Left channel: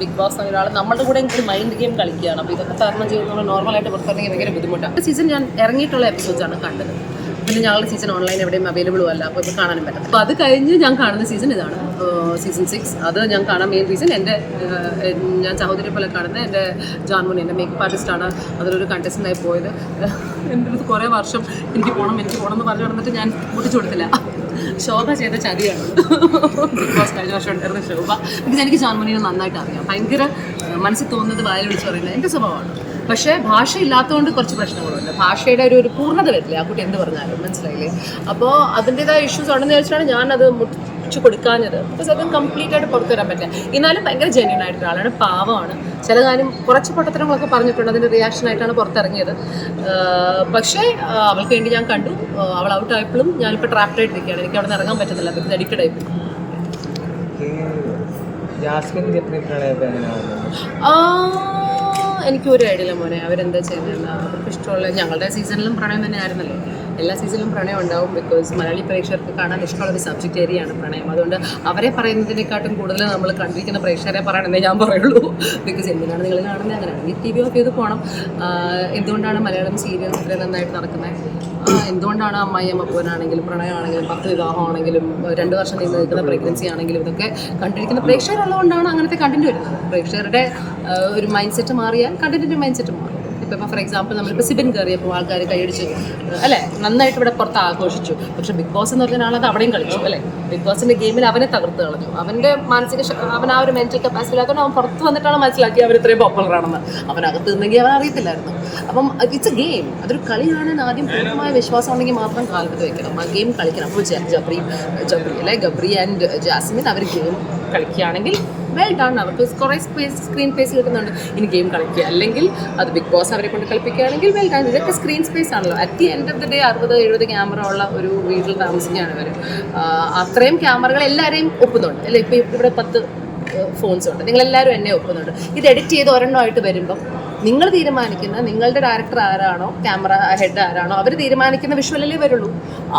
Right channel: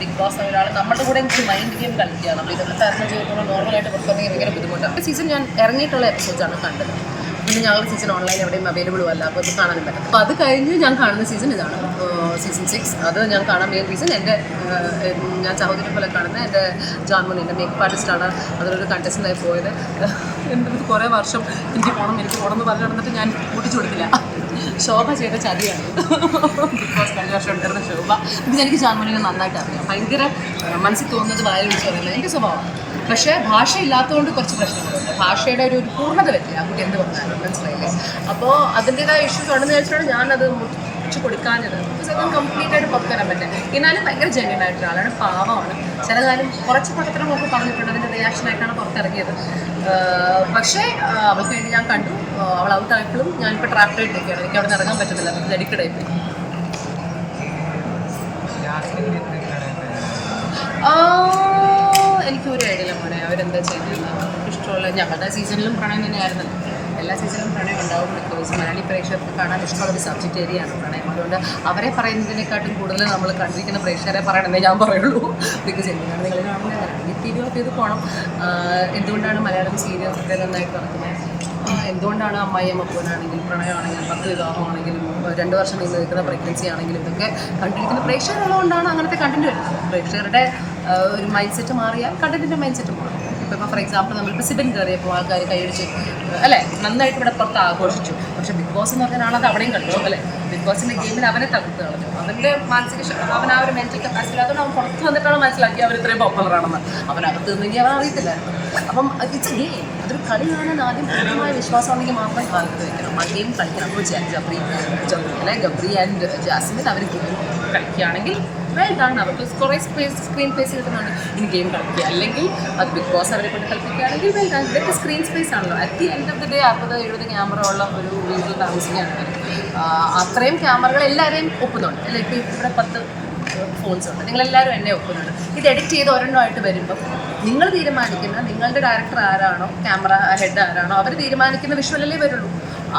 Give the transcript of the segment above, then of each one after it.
Big boss ഒരാൾ നമ്മുടെ കൂടെ എനിക്ക് മൈൻഡ് ഗെയിം കളിക്കുകയാണ്. അപ്പോൾ ഇതൊക്കെ തരണം ചെയ്യുന്നത് നോർമലായിട്ട് പുറത്തിറങ്ങി ഭയങ്കര ബുദ്ധിമുട്ടാണ്. സീസൺ ഞാൻ ഇറങ്ങിയിട്ടുള്ള എപ്പിസോഡ്സാണ് കണ്ടത്. പിന്നെ ഞങ്ങളുടെ സീസൺ ഓൺലൈൻ എവിടെയും അവൈലബിളും അല്ല. അപ്പോൾ ഇത് കാണാനും പറ്റും അപ്പോൾ അത് കഴിഞ്ഞ് ഞാൻ കാണുന്ന സീസൺ ഇതാണ്. സീസൺ സിക്സ് അത് ഞാൻ കാണാൻ മെയിൻ റീസൺ എന്റെ ഞാൻ സഹോദരി പോലെ കാണുന്ന എന്റെ ജാൻമോൻ എന്റെ മേക്കപ്പ് ആർട്ടിസ്റ്റാണ് അതിലൊരു കണ്ടസ്റ്റന്റായി പോയത്. എന്റെ കുറേ വർഷം എനിക്ക് പോകണം എനിക്ക് പോകണം എന്ന് പറഞ്ഞു നടന്നിട്ട് ഞാൻ പൊട്ടിച്ചു കൊടുത്തില്ല. ശോഭ ചെയ്ത ചതിയാണ്. ബിഗ് ബോസ് കഴിഞ്ഞ വർഷം ഉണ്ടായിരുന്ന ശോഭ. ഇത് എനിക്ക് ജാൻമണിനെ നന്നായിട്ട് അറിയാം. ഭയങ്കര മനസ്സിൽ തോന്നുന്നത് വായ വിളിച്ച് പറയുന്നത് എന്റെ സ്വഭാവമാണ്. പക്ഷേ ഭാഷ ഇല്ലാത്തതുകൊണ്ട് കുറച്ച് പ്രശ്നങ്ങളുണ്ട്. ഭാഷയുടെ ഒരു ഒരു പൂർണത വരില്ല. ആ കുട്ടി എന്ത് പറഞ്ഞാലും മനസ്സിലായില്ലേ? അപ്പോൾ അതിന്റെതായ ഇഷ്യൂസ് ഉണ്ടെന്ന് വെച്ചിട്ടാണ് ഞാനത് മുട്ടിച്ചു കൊടുക്കാഞ്ഞത്. ബിക്കോസ് അത് കംപ്ലീറ്റ് ആയിട്ട് പുറത്തു വരാൻ പറ്റില്ല. എന്നാലും ഭയങ്കര ജെന്യൻ ആയിട്ട് ഒരാളാണ് പാവമാണ്. ചില കാര്യം കുറച്ച് പൊട്ടത്തരങ്ങളൊക്കെ പറഞ്ഞിട്ടുണ്ട്. അതിന്റെ റിയാക്ഷൻ ആയിട്ടാണ് പുറത്തിറങ്ങിയത്. പക്ഷേ അവൾക്ക് വേണ്ടി ഞാൻ കണ്ടു. അവൾ ഔട്ട് ആയപ്പോഴും ഞാനിപ്പോൾ ട്രാപ്ഡ് ആയിട്ടിരിക്കുകയാണ്. എനിക്ക് അവിടെ നിന്ന് ഇറങ്ങാൻ പറ്റുന്നില്ല. ബിക്കോസ് അഡിക്റ്റഡ് ആയിപ്പോയി എനിക്കൊരു ഐഡിയ മോനെ. അവരെന്താ ചെയ്യുന്നില്ല അവർക്ക് ഇഷ്ടമുള്ള ഞങ്ങളുടെ സീസണിലും പ്രണയം തന്നെയായിരുന്നല്ലോ. എല്ലാ സീസണിലും പ്രണയം ഉണ്ടാവും ബിക്കോസ് മലയാളി പ്രേക്ഷകർക്ക് കാണാൻ ഇഷ്ടമുള്ള ഒരു സബ്ജക്റ്റ് ഏരിയയാണ് പ്രണയം. അതുകൊണ്ട് അവരെ പറയുന്നതിനെക്കാട്ടും കൂടുതൽ നമ്മൾ കണ്ടിരിക്കുന്ന പ്രേക്ഷകരെ പറയണമെന്നേ ഞാൻ പറയുള്ളൂ. ബിക്കോസ് എന്തിനാണ് നിങ്ങൾ കാണുന്നത്? അങ്ങനെ ഈ ടി വി ഓഫ് ചെയ്ത് പോകണം എന്തുകൊണ്ടാണ് മലയാളം സീരിയൽസ് ഇത്രയും നന്നായിട്ട് നടക്കുന്നത് എന്തുകൊണ്ടാണ് അമ്മായി അമ്മപ്പോനാണെങ്കിലും പ്രണയമാണെങ്കിലും പത്ത് വിവാഹമാണെങ്കിലും രണ്ട് വർഷം നീണ്ടു നിൽക്കുന്ന പ്രഗ്നൻസി ആണെങ്കിലും ഇതൊക്കെ കണ്ടിരിക്കുന്ന പ്രേക്ഷകരുള്ളതുകൊണ്ടാണ് അങ്ങനത്തെ കണ്ടന്റ് വരുന്നത്. പ്രേക്ഷകരുടെ ഒരു മൈൻഡ് സെറ്റ് മാറിയാൽ കണ്ടന്റിന്റെ മൈൻഡ് സെറ്റ് മാറും. ഇപ്പം ഫോർ എക്സാമ്പിൾ നമ്മളിപ്പോൾ സിബിൻ കയറിയപ്പോൾ ആൾക്കാർ കൈയടിച്ച് അല്ലേ? നന്നായിട്ട് ഇവിടെ പുറത്ത് ആഘോഷിച്ചു. പക്ഷെ ബിഗ് ബോസ് എന്ന് പറഞ്ഞ ആളത് അവിടെയും കളിച്ചു അല്ലേ? ബിഗ് ബോസിന്റെ ഗെയിമിൽ അവനെ തകർത്ത് കളഞ്ഞു. അവന്റെ മാനസിക അവൻ ആ ഒരു മെന്റൽ കപ്പാസിറ്റി ഇല്ലാത്തതുകൊണ്ട് അവൻ പുറത്ത് വന്നിട്ടാണ് മനസ്സിലാക്കി അവർ ഇത്രയും പോപ്പുലർ ആണെന്ന്. അവനകത്ത് നിന്നെങ്കിൽ അവൻ അറിയത്തില്ലായിരുന്നു. അപ്പം ഇറ്റ്സ് എ ഗെയിം അതൊരു കളി കാണാൻ ആദ്യം പൂർണമായ വിശ്വാസം ഉണ്ടെങ്കിൽ മാത്രം കാലത്ത് വെക്കണം. ആ ഗെയിം കളിക്കണം. അപ്പോൾ ജബ്രി ജബ്രി അല്ലെ? ഗബ്രി ആൻഡ് ജാസ്മിൻ അവർ ഗെയിം കളിക്കുകയാണെങ്കിൽ വെൽ ഡൺ അവർക്ക് കുറേ സ്പേസ് സ്ക്രീൻ സ്പേസ് കിട്ടുന്നുണ്ട്. ഇനി ഗെയിം കളിക്കുക. അല്ലെങ്കിൽ അത് ബിഗ് ബോസ് അവരെ കൊണ്ട് കളിപ്പിക്കുകയാണെങ്കിൽ വെൽ ഡൺ ഇതൊക്കെ സ്ക്രീൻ സ്പേസ് ആണല്ലോ. At the end of the day അറുപത് എഴുപത് ക്യാമറ ഉള്ള ഒരു വീട്ടിൽ താമസിക്കുകയാണ് അവർ അത്രയും ക്യാമറകൾ എല്ലാവരെയും ഒപ്പുന്നുണ്ട്. അല്ലെ? ഇപ്പോൾ ഇവിടെ പത്ത് ഫോൺസ് ഉണ്ട്. നിങ്ങളെല്ലാവരും എന്നെ ഒപ്പുന്നുണ്ട്. ഇത് എഡിറ്റ് ചെയ്ത് ഒരെണ്ണമായിട്ട് വരുമ്പം നിങ്ങൾ തീരുമാനിക്കുന്ന നിങ്ങളുടെ ഡയറക്ടർ ആരാണോ ക്യാമറ ഹെഡ് ആരാണോ അവർ തീരുമാനിക്കുന്ന വിഷ്വലല്ലേ വരുള്ളൂ.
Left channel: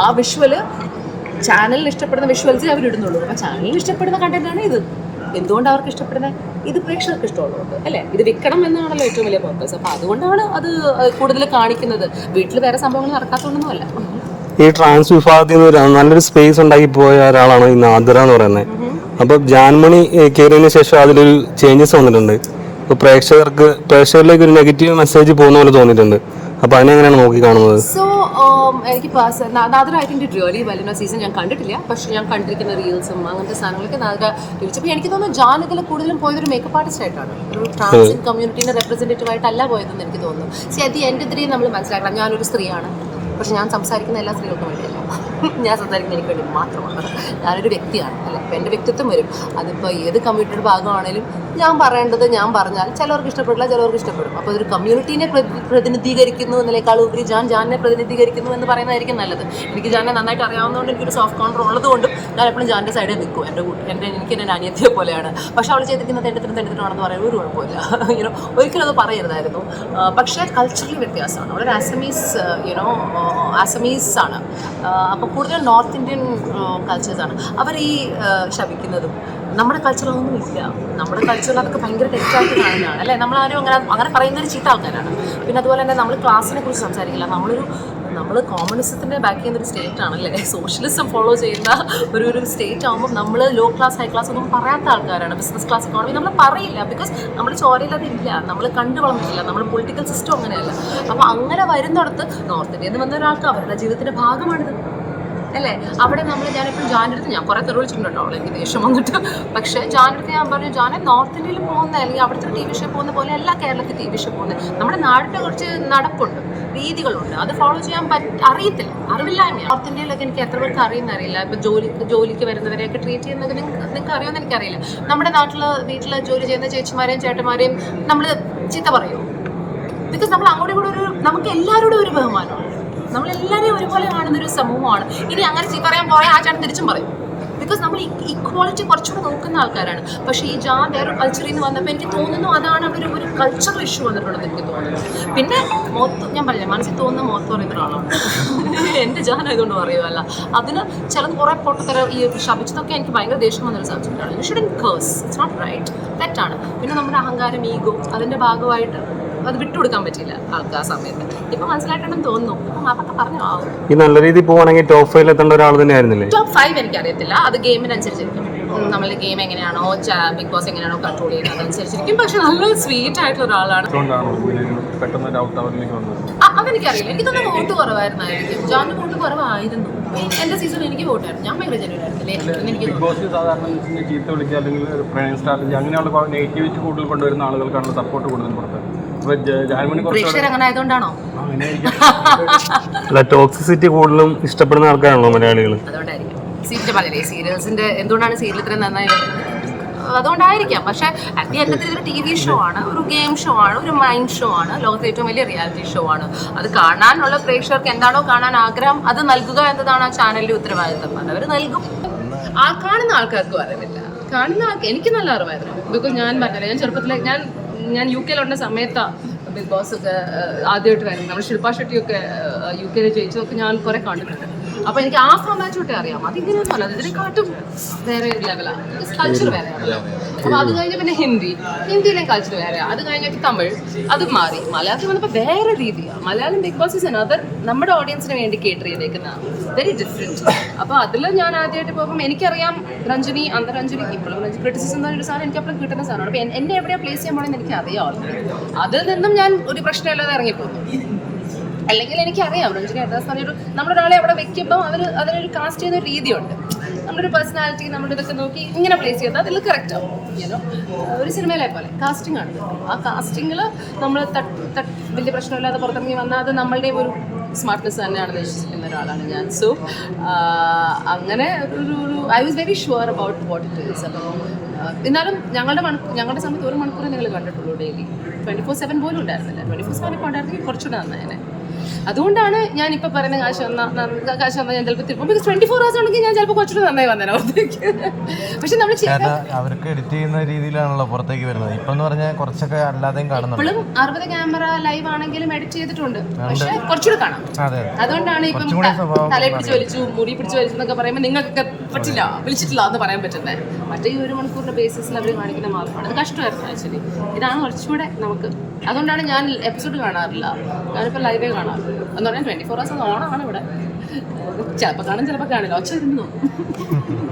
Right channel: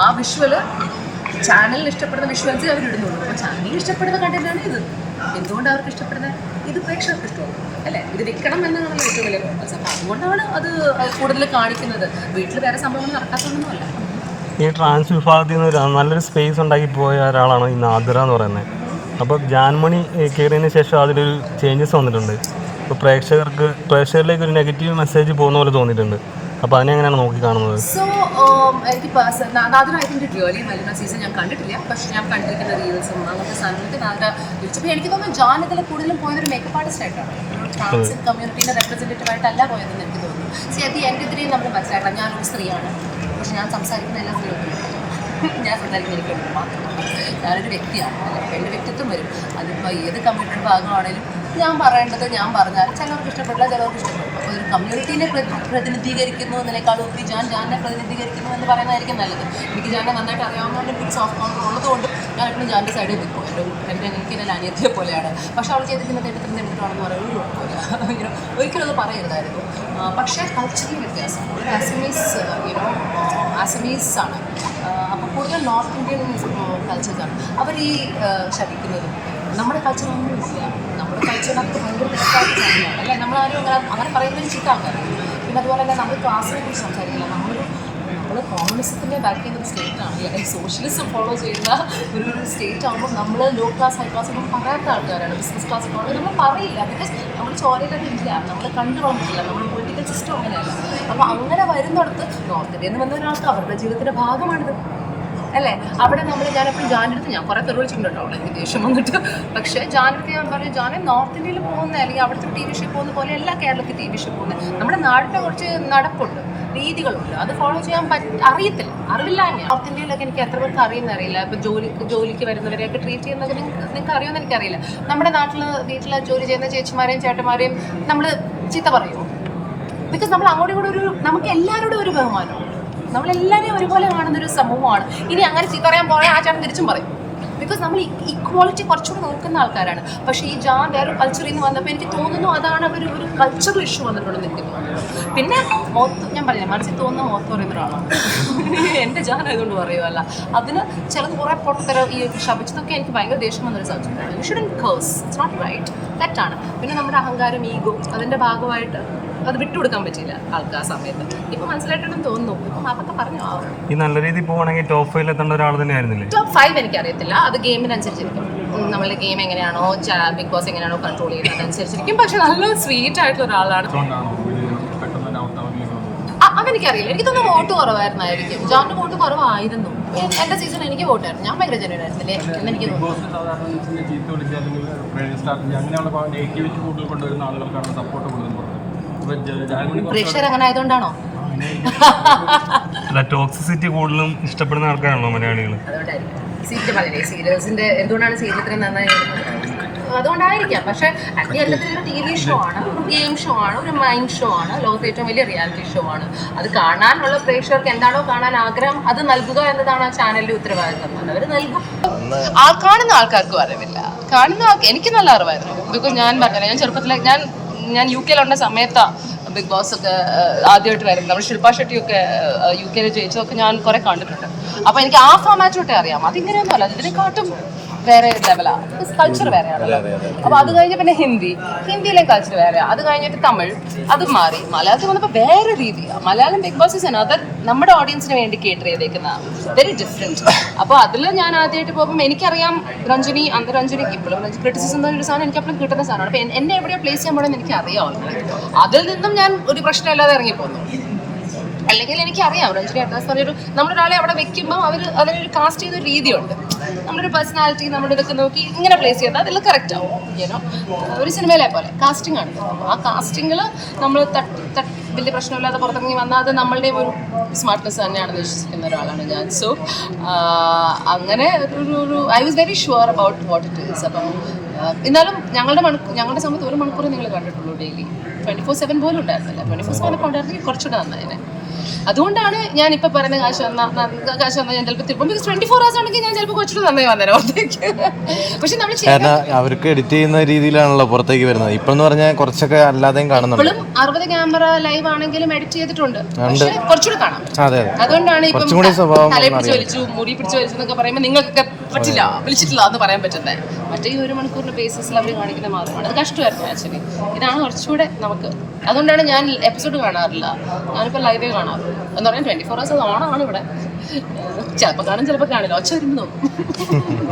ആ വിഷ്വൽ ചാനലിന് ഇഷ്ടപ്പെടുന്ന വിഷ്വൽസ് അവരിടുന്നുള്ളൂ. അപ്പോൾ ചാനലിന് ഇഷ്ടപ്പെടുന്ന കണ്ടന്റാണ് ഇത്. എന്തുകൊണ്ട് അവർക്ക് ഇഷ്ടപ്പെടുന്നത് ഇത് പ്രേക്ഷകർക്ക് ഇഷ്ടമുള്ളതുകൊണ്ട് അല്ലേ? ഇത് വിൽക്കണം എന്നാണല്ലോ ഏറ്റവും വലിയ പർപ്പസ് അപ്പോൾ അതുകൊണ്ടാണ് അത് കൂടുതൽ കാണിക്കുന്നത്. വീട്ടിൽ വേറെ സംഭവങ്ങൾ നടക്കാത്തതുകൊണ്ടൊന്നുമല്ല ഈ ട്രാൻസ് വിഭാഗത്തിൽ നിന്ന് നല്ലൊരു സ്പേസ് ഉണ്ടാക്കി പോയ ഒരാളാണ് ഈ നാദിറ എന്ന് പറയുന്നത് അപ്പോൾ ജാൻമണി കയറിയതിന് ശേഷം അതിലൊരു ചേഞ്ചസ് വന്നിട്ടുണ്ട്. ഇപ്പോൾ പ്രേക്ഷകർക്ക് പ്രേക്ഷകരിലേക്ക് ഒരു നെഗറ്റീവ് മെസ്സേജ് പോകുന്ന പോലെ തോന്നിയിട്ടുണ്ട്. അപ്പോൾ അതിനെങ്ങനെയാണ് നോക്കി കാണുന്നത്? സോ എനിക്ക് നാദര ഐ തിങ്ക് റിയലി വലിയ സീസൺ ഞാൻ കണ്ടിട്ടില്ല. പക്ഷെ ഞാൻ കണ്ടിരിക്കുന്ന റീൽസും അങ്ങനത്തെ സാധനങ്ങളൊക്കെ നാദര വിളിച്ചപ്പോൾ എനിക്ക് തോന്നുന്നു ജാൻ ഇതിൽ കൂടുതലും പോയത് ഒരു മേക്കപ്പ് ആർട്ടിസ്റ്റ് ആയിട്ടാണ്. ഒരു ട്രാൻസ് കമ്മ്യൂണിറ്റീന്റെ റെപ്രസെന്റേറ്റീവ് ആയിട്ടല്ല പോയതെന്ന് എനിക്ക് തോന്നുന്നു. സി അത് എന്റെ ഇതിൽ നമ്മൾ മനസ്സിലാക്കണം ഞാനൊരു സ്ത്രീയാണ്. പക്ഷെ ഞാൻ സംസാരിക്കുന്ന എല്ലാ സ്ത്രീകൾക്കും ഞാൻ സംസാരിക്കുന്ന എനിക്ക് വേണ്ടി മാത്രമാണ്. ഞാനൊരു വ്യക്തിയാണ് അല്ല? അപ്പം എന്റെ വ്യക്തിത്വം വരും. അതിപ്പോൾ ഏത് കമ്മ്യൂണിറ്റിയുടെ ഭാഗമാണെങ്കിലും ഞാൻ പറയേണ്ടത് ഞാൻ പറഞ്ഞാൽ ചിലവർക്ക് ഇഷ്ടപ്പെടില്ല ചിലവർക്ക് ഇഷ്ടപ്പെടും. അപ്പോൾ ഒരു കമ്മ്യൂണിറ്റീനെ പ്രതിനിധീകരിക്കുന്നു എന്നതിനേക്കാൾ ഉപരി ഞാൻ ജാനിനെ പ്രതിനിധീകരിക്കുന്നു എന്ന് പറയുന്നതായിരിക്കും നല്ലത്. എനിക്ക് ജാനെ നന്നായിട്ട് അറിയാവുന്നതുകൊണ്ട് എനിക്കൊരു സോഫ്റ്റ് കോൺട്രോൾ ഉള്ളതുകൊണ്ടും ഞാൻ എപ്പോഴും ജാന്റെ സൈഡിൽ നിൽക്കും. എന്റെ എന്റെ എനിക്ക് എന്റെ അനിയത്തിയെ പോലെയാണ്. പക്ഷേ അവൾ ചെയ്തിരിക്കുന്നത് എന്റെ തെണ്ടിത്തരം തെണ്ടിട്ടാണെന്ന് പറയാൻ ഒരു കുഴപ്പമില്ല. ഇങ്ങനെ ഒരിക്കലും അത് പറയരുതായിരുന്നു. പക്ഷേ കൾച്ചറൽ വ്യത്യാസമാണ്. അവളൊരു ആസമീസ് യുനോ ആസമീസ് ആണ്. അപ്പോൾ കൂടുതൽ നോർത്ത് ഇന്ത്യൻ കൾച്ചേഴ്സാണ് അവർ ഈ ശവിക്കുന്നതും നമ്മുടെ കൾച്ചറൊന്നും ഇല്ല നമ്മുടെ കൾച്ചറിൽ അതൊക്കെ ഭയങ്കര തെറ്റായിട്ട് കാണുന്നതാണ് അല്ലേ? നമ്മളാരും അങ്ങനെ അങ്ങനെ പറയുന്നൊരു ചീത്ത ആൾക്കാരാണ്. പിന്നെ അതുപോലെ തന്നെ നമ്മൾ ക്ലാസ്സിനെ കുറിച്ച് സംസാരിക്കില്ല. നമ്മളൊരു നമ്മൾ കോമ്യൂണിസത്തിന്റെ ബാക്ക് ചെയ്യുന്ന ഒരു സ്റ്റേറ്റ് ആണല്ലേ? സോഷ്യലിസം ഫോളോ ചെയ്യുന്ന ഒരു ഒരു സ്റ്റേറ്റ് ആകുമ്പോൾ നമ്മൾ ലോ ക്ലാസ് ഹൈ ക്ലാസ് ഒന്നും പറയാത്ത ആൾക്കാരാണ്. ബിസിനസ് ക്ലാസ് ഇക്കോണമി നമ്മൾ പറയില്ല. ബിക്കോസ് നമ്മുടെ ചോരയിൽ ഇല്ല. നമ്മൾ കണ്ടു വളർന്നിട്ടില്ല. നമ്മൾ പൊളിറ്റിക്കൽ സിസ്റ്റം അങ്ങനെയല്ല. അപ്പോൾ അങ്ങനെ വരുന്നിടത്ത് നോർത്ത് ഇന്ത്യയിൽ നിന്ന് വന്ന ഒരാൾക്ക് അവരുടെ ജീവിതത്തിന്റെ ഭാഗമാണിത്. അല്ലേ? അവിടെ നമ്മൾ ഞാൻ എപ്പോഴും ജാന്റെ അടുത്ത് ഞാൻ കുറേ തെറി വിളിച്ചിട്ടുണ്ട് കേട്ടോ അവളെ. ദേഷ്യം വന്നിട്ട്. പക്ഷേ ജാന്റെ അടുത്ത് ഞാൻ പറഞ്ഞു ജാനെ നോർത്ത് ഇന്ത്യയിൽ പോകുന്ന അല്ലെങ്കിൽ അവിടുത്തെ ഒരു ടി വി ഷോ പോകുന്ന പോലെ എല്ലാ കേരളത്തിൽ ടി വി ഷോ പോകുന്നത് നമ്മുടെ നാടിന്റെ കുറച്ച് നടപ്പുണ്ട് രീതികളുണ്ട്. അത് ഫോളോ ചെയ്യാൻ പറ്റ അറിയത്തില്ല. അറിവില്ലായ്മയാണ് നോർത്ത് ഇന്ത്യയിലൊക്കെ എനിക്ക് എത്ര പേർക്ക് അറിയുന്ന അറിയില്ല. ഇപ്പോൾ ജോലിക്ക് ജോലിക്ക് വരുന്നവരെയൊക്കെ ട്രീറ്റ് ചെയ്യുന്നതൊക്കെ നിങ്ങൾക്ക് നിങ്ങൾക്ക് അറിയുമെന്ന് എനിക്കറിയില്ല. നമ്മുടെ നാട്ടിൽ വീട്ടിൽ ജോലി ചെയ്യുന്ന ചേച്ചിമാരെയും ചേട്ടന്മാരെയും നമ്മൾ ചീത്ത പറയുമോ ബിക്കോസ് നമ്മൾ അങ്ങോട്ടും കൂടെ ഒരു നമുക്ക് എല്ലാവരോടും ഒരു ബഹുമാനമുണ്ട് നമ്മളെല്ലാവരെയും ഒരുപോലെ കാണുന്ന ഒരു സമൂഹമാണ്. ഇനി അങ്ങനെ ചീത്ത പറയാൻ പോയാൽ ആ ചേട്ടൻ തിരിച്ചും പറയും. ബിക്കോസ് നമ്മൾ ഇക്വാളിറ്റി കുറച്ചുകൂടെ നോക്കുന്ന ആൾക്കാരാണ്. പക്ഷേ ഈ ജാ വേറൊരു കൾച്ചറിൽ നിന്ന് വന്നപ്പോൾ എനിക്ക് തോന്നുന്നു അതാണ് അവിടെ ഒരു കൾച്ചറൽ ഇഷ്യൂ വന്നിട്ടുണ്ടെന്ന് എനിക്ക് തോന്നുന്നു. പിന്നെ മോത്ത് ഞാൻ പറഞ്ഞില്ല മനസ്സിൽ തോന്നുന്ന മോത്ത് പറയുന്ന ഒരാളാണ്. എന്റെ ജാൻ ആയതുകൊണ്ട് പറയുമല്ല അതിന് ചിലത് കുറേ പൊട്ടത്തര ഈ ശപിച്ചതൊക്കെ എനിക്ക് ഭയങ്കര ദേഷ്യം വന്നൊരു സബ്ജക്റ്റാണ് you shouldn't curse it's not right തെറ്റാണ്. പിന്നെ നമ്മുടെ അഹങ്കാരം ഈഗോ അതിന്റെ ഭാഗമായിട്ട് അത് വിട്ടുകൊടുക്കാൻ പറ്റിയില്ല ആൾക്ക് ആ സമയത്ത്. ഇപ്പൊ മനസ്സിലായിട്ടുണ്ടെന്ന് തോന്നുന്നു. ഇപ്പൊ അതൊക്കെ പറഞ്ഞു ആവും. ഈ നല്ല രീതിയിൽ പോവാണെങ്കിൽ ടോപ്പ് ഫൈവ് എത്തേണ്ട ഒരാൾ തന്നെ ആയിരുന്നില്ലേ? ടോപ്പ് ഫൈവ് എനിക്കറിയത്തില്ല. അത് ഗെയിമിനനുസരിച്ചിരിക്കും. നമ്മൾ ഗെയിം എങ്ങനെയാണോ ബിഗ് ബോസ് എങ്ങനെയാണോ കൺട്രോൾ ചെയ്യുന്നത് അതനുസരിച്ചിരിക്കും. പക്ഷെ നല്ല സ്വീറ്റ് ആയിട്ടുള്ള ഒരാളാണ്. അതെനിക്കറിയില്ല. എനിക്ക് തന്നെ വോട്ട് കുറവായിരുന്നായിരിക്കും. ജോണിന് വോട്ട് കുറവായിരുന്നു. എന്റെ സീസൺ എനിക്ക് വോട്ടായിരുന്നു ഞാൻ ഭയങ്കര ജനുവൻ ആയിരുന്നില്ലേ? എന്ന് എനിക്ക് തോന്നുന്നു. പ്രേക്ഷകർ അങ്ങനെ ആയതുകൊണ്ടാണോ? അല്ല ടോക്സിസിറ്റി കൂടുതലും ഇഷ്ടപ്പെടുന്ന ആൾക്കാരാണല്ലോ മലയാളികൾ സീരിയൽ സീരിയൽസിന്റെ എന്തുകൊണ്ടാണ് സീരിയൽ ഇത്രയും നന്നായി അതുകൊണ്ടായിരിക്കാം. പക്ഷെ അറ്റ് ദി എൻഡത്തിൽ ഒരു ടി വി ഷോ ആണ് ഒരു ഗെയിം ഷോ ആണ് ഒരു മൈൻഡ് ഷോ ആണ് ലോകത്തെ ഏറ്റവും വലിയ റിയാലിറ്റി ഷോ ആണ്. അത് കാണാനുള്ള പ്രേക്ഷകർക്ക് എന്താണോ കാണാൻ ആഗ്രഹം അത് നൽകുക എന്നതാണ് ആ ചാനലിന്റെ ഉത്തരവാദിത്തം അതവർ നൽകും. ആ കാണുന്ന ആൾക്കാർക്കും അറിവില്ല. കാണുന്ന ആൾക്ക് എനിക്ക് നല്ല അറിവായിരുന്നു. ബിക്കോസ് ഞാൻ പറഞ്ഞില്ല? ഞാൻ ചെറുപ്പത്തിലെ ഞാൻ ഞാൻ യു കെയിലുണ്ട സമയത്താണ് ബിഗ് ബോസ് ഒക്കെ ആദ്യമായിട്ട് വരുന്നത്. നമ്മൾ ശില്പ ഷെട്ടിയൊക്കെ യു കെയിൽ ജയിച്ചതൊക്കെ ഞാൻ കുറെ കണ്ടിട്ടുണ്ട്. അപ്പോൾ എനിക്ക് ആ ഫോമാറ്റോട്ടെ അറിയാം. അതിങ്ങനെയൊന്നും അല്ല ഇതിനെക്കാട്ടും വേറെ ലെവലാണ് കൾച്ചർ വേറെയാണല്ലോ. അപ്പോൾ അത് കഴിഞ്ഞ് പിന്നെ ഹിന്ദി. ഹിന്ദിയിലെ കൾച്ചർ വേറെ. അത് കഴിഞ്ഞിട്ട് തമിഴ്. അത് മാറി. മലയാളത്തിൽ വന്നപ്പോൾ വേറെ രീതിയാണ് Malayalam big boss is another നമ്മുടെ ഓഡിയൻസിന് വേണ്ടി കേട്ടർ ചെയ്തേക്കുന്ന വെരി ഡിഫറെന്റ് അപ്പോൾ അതിൽ ഞാൻ ആദ്യമായിട്ട് പോകുമ്പോൾ എനിക്കറിയാം രഞ്ജനി അന്ന് രഞ്ജനി ഇപ്പോഴും ക്രിറ്റിസിസം എന്ന് പറഞ്ഞൊരു സാധനം എനിക്ക് അപ്പോഴും കിട്ടുന്ന സാധനമാണ്. അപ്പോൾ എന്നെ എവിടെയാണ് പ്ലേസ് ചെയ്യാൻ പോകണമെന്ന് എനിക്ക് അറിയാം ഓൾറെഡി അതിൽ നിന്നും ഞാൻ ഒരു പ്രശ്നമില്ലാതെ ഇറങ്ങിപ്പോന്നു അല്ലെങ്കിൽ എനിക്കറിയാം രഞ്ജനി അഡ്രസ് പറഞ്ഞൊരു നമ്മളൊരാളെ അവിടെ വെക്കുമ്പോൾ അവർ അതിനൊരു കാസ്റ്റ് ചെയ്യുന്ന ഒരു രീതിയുണ്ട്. ഒരു പേഴ്സണാലിറ്റി നമ്മുടെ ഇതൊക്കെ നോക്കി ഇങ്ങനെ പ്ലേസ് ചെയ്താൽ അതിൽ കറക്റ്റ് ആവും യൂനോ ഒരു സിനിമയിലെ പോലെ കാസ്റ്റിംഗ് ആണ് ആ കാസ്റ്റിങ്ങിൽ നമ്മൾ തട്ടി വലിയ പ്രശ്നമില്ലാതെ പുറത്തിറങ്ങി വന്നാൽ അത് നമ്മളുടെ ഒരു സ്മാർട്ട്നെസ് തന്നെയാണെന്ന് വിശ്വസിക്കുന്ന ഒരാളാണ് ഞാൻ. സോ അങ്ങനെ ഒരു ഒരു I was very sure about what it is അപ്പം എന്നാലും ഞങ്ങളുടെ മണിക്കൂർ ഞങ്ങളുടെ സമയത്ത് ഒരു മണിക്കൂർ നിങ്ങൾ കണ്ടിട്ടുള്ളൂ ഡെയിലി ട്വന്റി ഫോർ സെവൻ പോലും ഉണ്ടായിരുന്നില്ല. ട്വന്റി ഫോർ സെവൻ ഒക്കെ ഉണ്ടായിരുന്നെങ്കിൽ കുറച്ചുകൂടെ നന്നായേനെ. അതുകൊണ്ടാണ് ഞാൻ ഇപ്പൊ പറയുന്ന കാശ് വന്ന കാശ് വന്നാൽ ഞാൻ ചിലപ്പോൾ തിരുപ്പം ബിക്കോസ് ട്വന്റി ഫോർ ഹവേഴ്സ് ഉണ്ടെങ്കിൽ ഞാൻ ചിലപ്പോൾ കുറച്ചുകൂടെ നന്നായി വന്നേനെ പുറത്തേക്ക്. പക്ഷെ നമ്മൾ അവർക്ക് എഡിറ്റ് ചെയ്യുന്ന രീതിയിലാണല്ലോ പുറത്തേക്ക് വരുന്നത്. ഇപ്പൊ എന്ന് പറഞ്ഞാൽ കുറച്ചൊക്കെ അല്ലാതെയും കാണുന്നുണ്ട്. ഇപ്പോഴും അറുപത് ക്യാമറ ലൈവ് ആണെങ്കിലും എഡിറ്റ് ചെയ്തിട്ടുണ്ട്. പക്ഷെ കുറച്ചുകൂടെ കാണാം. അതെ അതുകൊണ്ടാണ് ഇപ്പം തലയിൽ പിടിച്ച് വലിച്ചു മുടി പിടിച്ച് വലിച്ചു എന്നൊക്കെ പറയുമ്പോൾ നിങ്ങൾക്കൊക്കെ പറ്റില്ല വിളിച്ചിട്ടില്ല എന്ന് പറയാൻ പറ്റുന്നത് മറ്റേ ഈ ഒരു മണിക്കൂറിന്റെ ബേസിസിൽ അവർ കാണിക്കുന്ന മാത്രമാണ്. അത് കഷ്ടമായിരുന്നു ആക്ച്വലി ഇതാണ് കുറച്ചുകൂടെ നമുക്ക് അതുകൊണ്ടാണ് ഞാൻ എപ്പിസോഡ് കാണാറില്ല. ഞാനിപ്പോൾ ലൈവേ കാണാറുള്ളൂ. എന്ന് പറഞ്ഞാൽ ട്വന്റി ഫോർ ഹവേഴ്സ് ഓണാണ് ഇവിടെ. ചിലപ്പോൾ കാണും ചിലപ്പോൾ കാണില്ല. ഒച്ച വരുമ്പോൾ നോക്കും.